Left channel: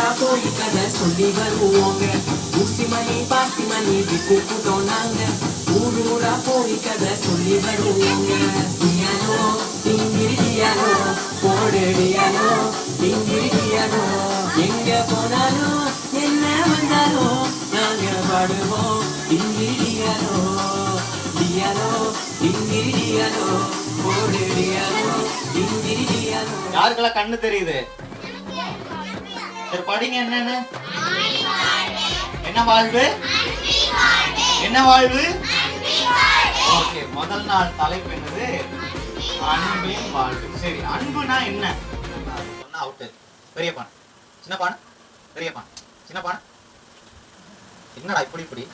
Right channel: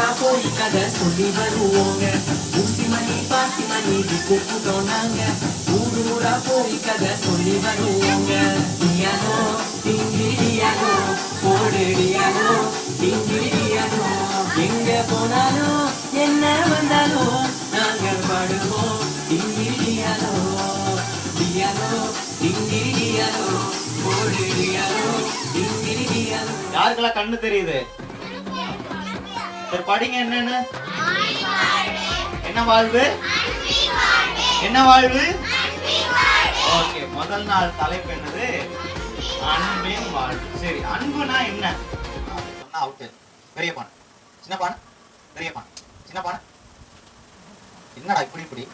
ஊரூரா போய் கதை சொல்லி வருவோங்க. ஊசி மணி பாசி மணி கூப்பிட்டோம் நாங்க. ஊரூரா போய் கதை சொல்லி வருவோங்க. டியானோ டிங்கிரிடியானோ போடுடியானோ டிங்கிரிடியானோ எங்க போனாலும் என்ன வந்தாலும் நாங்க பாடுவோம் டிங்கிரிடியானோ டியானோ டிங்கிரிடியானோ போடுடியானோ டிங்கிரிடியானோ. யாருக்கெல்லாம் கண்ணு தெரியுது? சரி படிங்க. என்னன்னு என்ன வாழ்வு? என்ன வாழ்வு? ஓகே, முதல் நாள் தலைப்பு என்னது? அன்பின் வாழ்வு. சரி, அன்புனா என்ன சொன்னா அவுட்டு. பெரிய பானை, சின்ன பானை, பெரிய பானை, சின்ன பானை. என்னடா இப்படி